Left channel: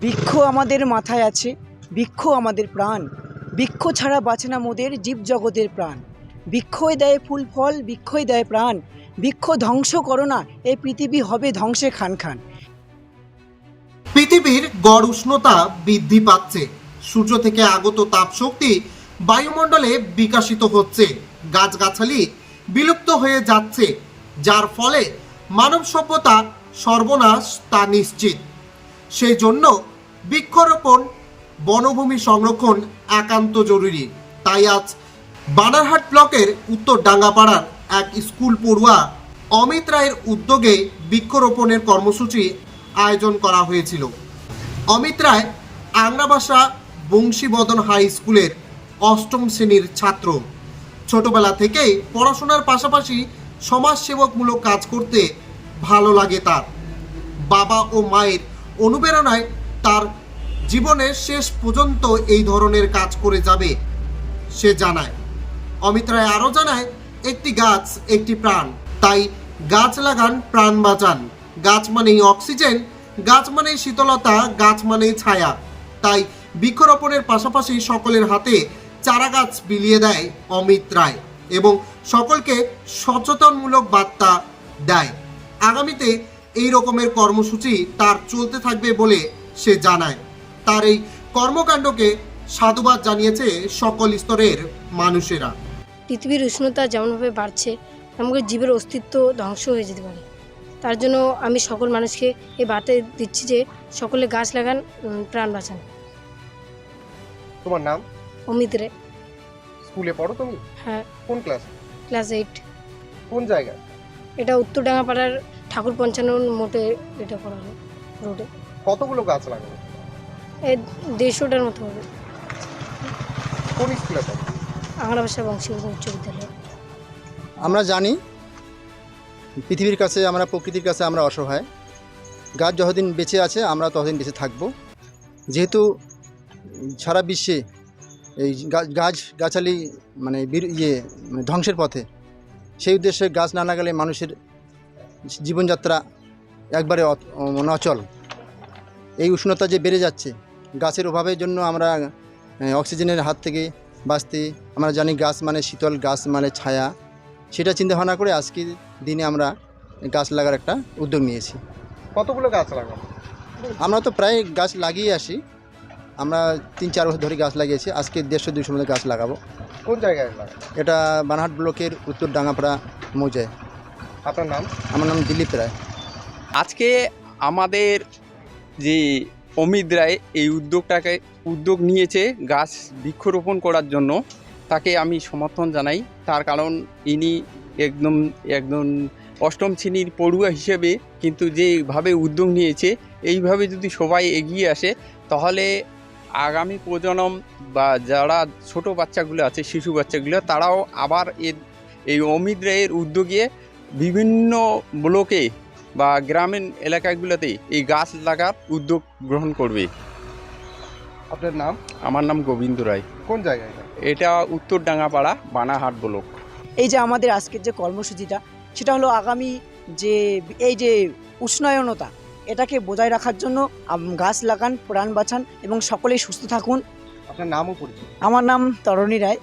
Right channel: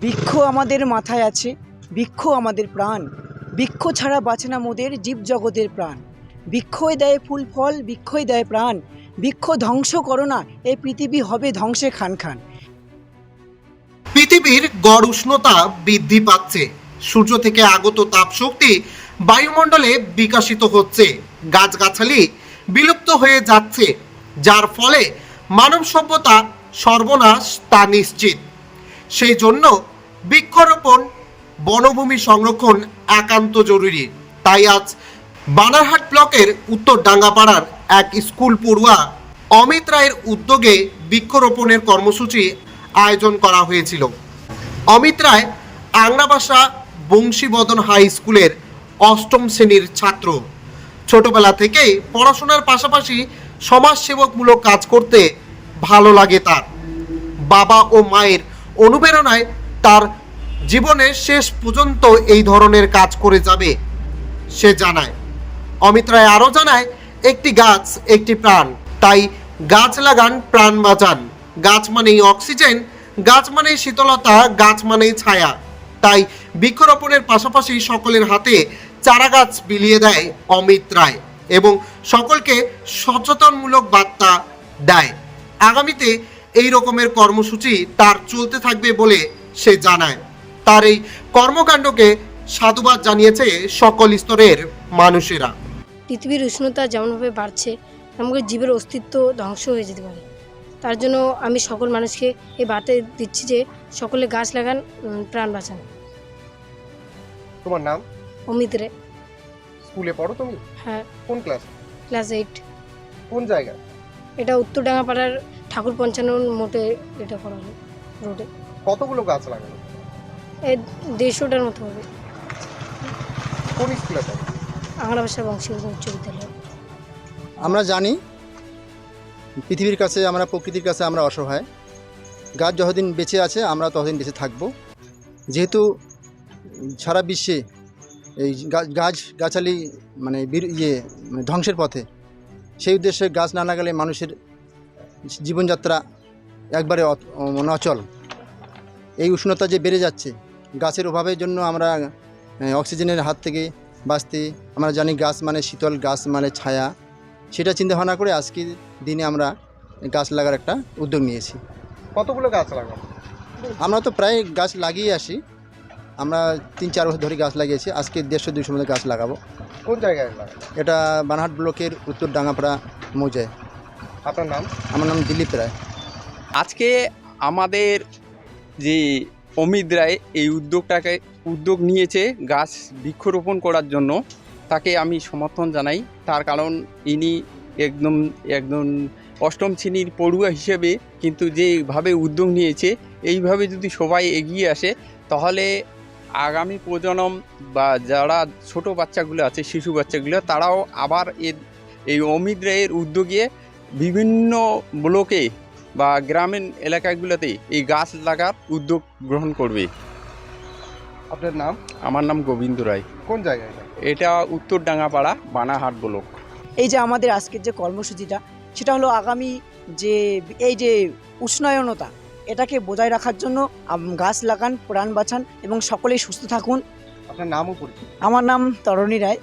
বৃক্ষ আমাদের মাথায় আছে, বৃক্ষ আমাদের প্রাণ। বৃক্ষ ছাড়া বাঁচে না মোদের জীবজগতের প্রাণ। বৃক্ষই দেয় ফুল ফল, বৃক্ষই দেয় প্রাণ। বৃক্ষ ধ্বংস করো না এই পৃথিবী হবে ধ্বংসে খান খান। পৃথিবীর গড় উষ্ণতা বৃদ্ধি পাচ্ছে। সূর্য থেকে আগত তাপশক্তি বায়ুমণ্ডলে বিকাশিত হচ্ছে। গাছগাছালি বিলুপ্ত হয়ে যাচ্ছে, যার ফলে মানব সভ্যতা সর্বনাশ তা নিশ্চিত। সেই জন্য বৃক্ষরোপণ, বনভূমি সংরক্ষণ একান্ত জরুরি। তাই আজ বানারহাট ব্লকের উত্তর ডাঙ্গাপাড়ার এক স্কুল পড়ুয়া অমিত রায়ের উদ্যোগে বৃক্ষরোপণের কর্মসূচি আয়োজন করা হয়েছিল। অমিত রায় আংরাবাসা বংশীবদন হাই স্কুলের অষ্টম শ্রেণির ছাত্র। ছোটবেলা থেকেই পড়াশোনার পাশাপাশি সমাজসেবকমূলক কাজ করতে ভালো লাগে তার। বাবা ও মায়ের অনুপ্রেরণায় তার জীবনের শেষ পর্যন্ত এই ধরনের কাজ করে যাবে, সে জানায়। অমিত রায় আরও জানায়, একটি গাছ, একটি প্রাণ, তাই গাছ লাগান, প্রাণ বাঁচান। গাছ মানেই অক্সিজেন, গাছ মানেই শীতলতা, গাছ মানেই ছায়া। তাই বৃক্ষরোপণের পাশাপাশি সকলের হাতে চারা গাছ বিলিয়ে দেয় অমিত রায় এবং সকলকে সচেতনমূলক বার্তা দেয়। আগামীতে এই রকমের কর্মসূচি তার চলতে থাকবে বলে সে জানায়। তার এই কর্মকাণ্ডকে সাধুবাদ জানিয়েছে সকল স্তরের মানুষেরা। পৃথিবীর উষ্ণতা যেমনভাবে বাড়ছে আমাদের জীবের অস্তিত্ব ধ্বংস হয়ে যেতে পারে। তার জন্য আমি সকল মানুষকে এই বার্তা দিচ্ছি যে সকলে গাছ লাগান প্রাণ বাঁচান। তোমার নাম? অমিত রে। স্কুলে পড়ো তুমি? হ্যাঁ। কোন ক্লাস? Class eight. কোন জায়গা এটা উত্তরডাঙ্গাপাড়ার ঠাকুর পঞ্চান্ন মোটে এটা করা হলো রোডে। কতগুলো গাছ লাগানো? এই দেড়শোটার মতো হবে। কোন স্কুলে পড়ো? আংরাবাসা বংশী উচ্চ বিদ্যালয়। আমরা জানি পৃথিবীর কাছে আমরা প্রকৃতির কাছে আমরা অসহায়। গাছ যতদিন বেঁচে আছে আমরা ততদিন বেঁচে থাকব। যেহেতু সারা বিশ্বে এই গা- গাছ গাছালি মানে বীর- ইয়ে মানে ধ্বংসের পথে সেই উদ্দেশ্যে গাছ না লাগালে মানুষের জীবনযাত্রা একবারে মানে অচল। এই উষ্ণতা যে বেড়ে যাচ্ছে গাছের অভাবের জন্য আমরা অক্সিজেনের হাত থেকে বাঁচতে আমরা জানি গাছ মানে শীতল গাছ মানে ছায়া। সেটা চিন্তা ভাবনা করে আজকে দিনে আমরা গাছ লাগার একটা উদ্যোগ নিয়েছি। কতগুলো গাছ লাগানো আমরা তো প্রায় গাছ লাগিয়ে আসি। আমরা তিন চার বছর ধরে গাছ লাগিয়েছি। আজকে দেড়শো দুশো মধ্যে গাছ লাগাবো। কোন জায়গায় এটা বানহাট ব্লকের উত্তর ডাঙ্গাপাড়া মৌজায়। আপনার নাম? আমার নাম দিলীপ রায়। আজকে আমাদের যে অমিত রায় এই উদ্যোগটাকে উদ্যোগ নিয়েছে গাছ বৃক্ষরোপণ করার জন্য তাকে আমি সমর্থন জানাই। তার কারণ ইনি একদম একদম অষ্টম শ্রেণির পড়ুয়া হিসেবে কিন্তু যেভাবে উদ্যোগ নিয়েছে এইভাবে যদি সবাই এগিয়ে আসে তাহলে আগামী প্রজন্ম বা যারা ছোট বাচ্চাগুলো আছে শিশু বাচ্চাগুলো তারাও আবার এর এই অমিত রায়ের উদ্যোগে বিভিন্ন ব্লকে বা গ্রামীণ এলাকাগুলোতে এই গাছ লাগার উদ্যোগ গ্রহণ করবে। আপনার নাম? আমার নাম গোবিন্দ রায়। কোন জায়গায় এটা? উত্তর ডাঙ্গাপাড়া বানাহাট ব্লক। এই যে আমাদের আজকের যে কর্মসূচিটা সেটা হলো আগামী যে এই যে উষ্ণায়নতা এটাকে বজায় রাখার জন্য গাছ লাগান প্রাণ বাঁচান এবং সকলেই সুস্থ থাকুন। আপনার নামও পরিচয় আমার নাম তরণী রায়।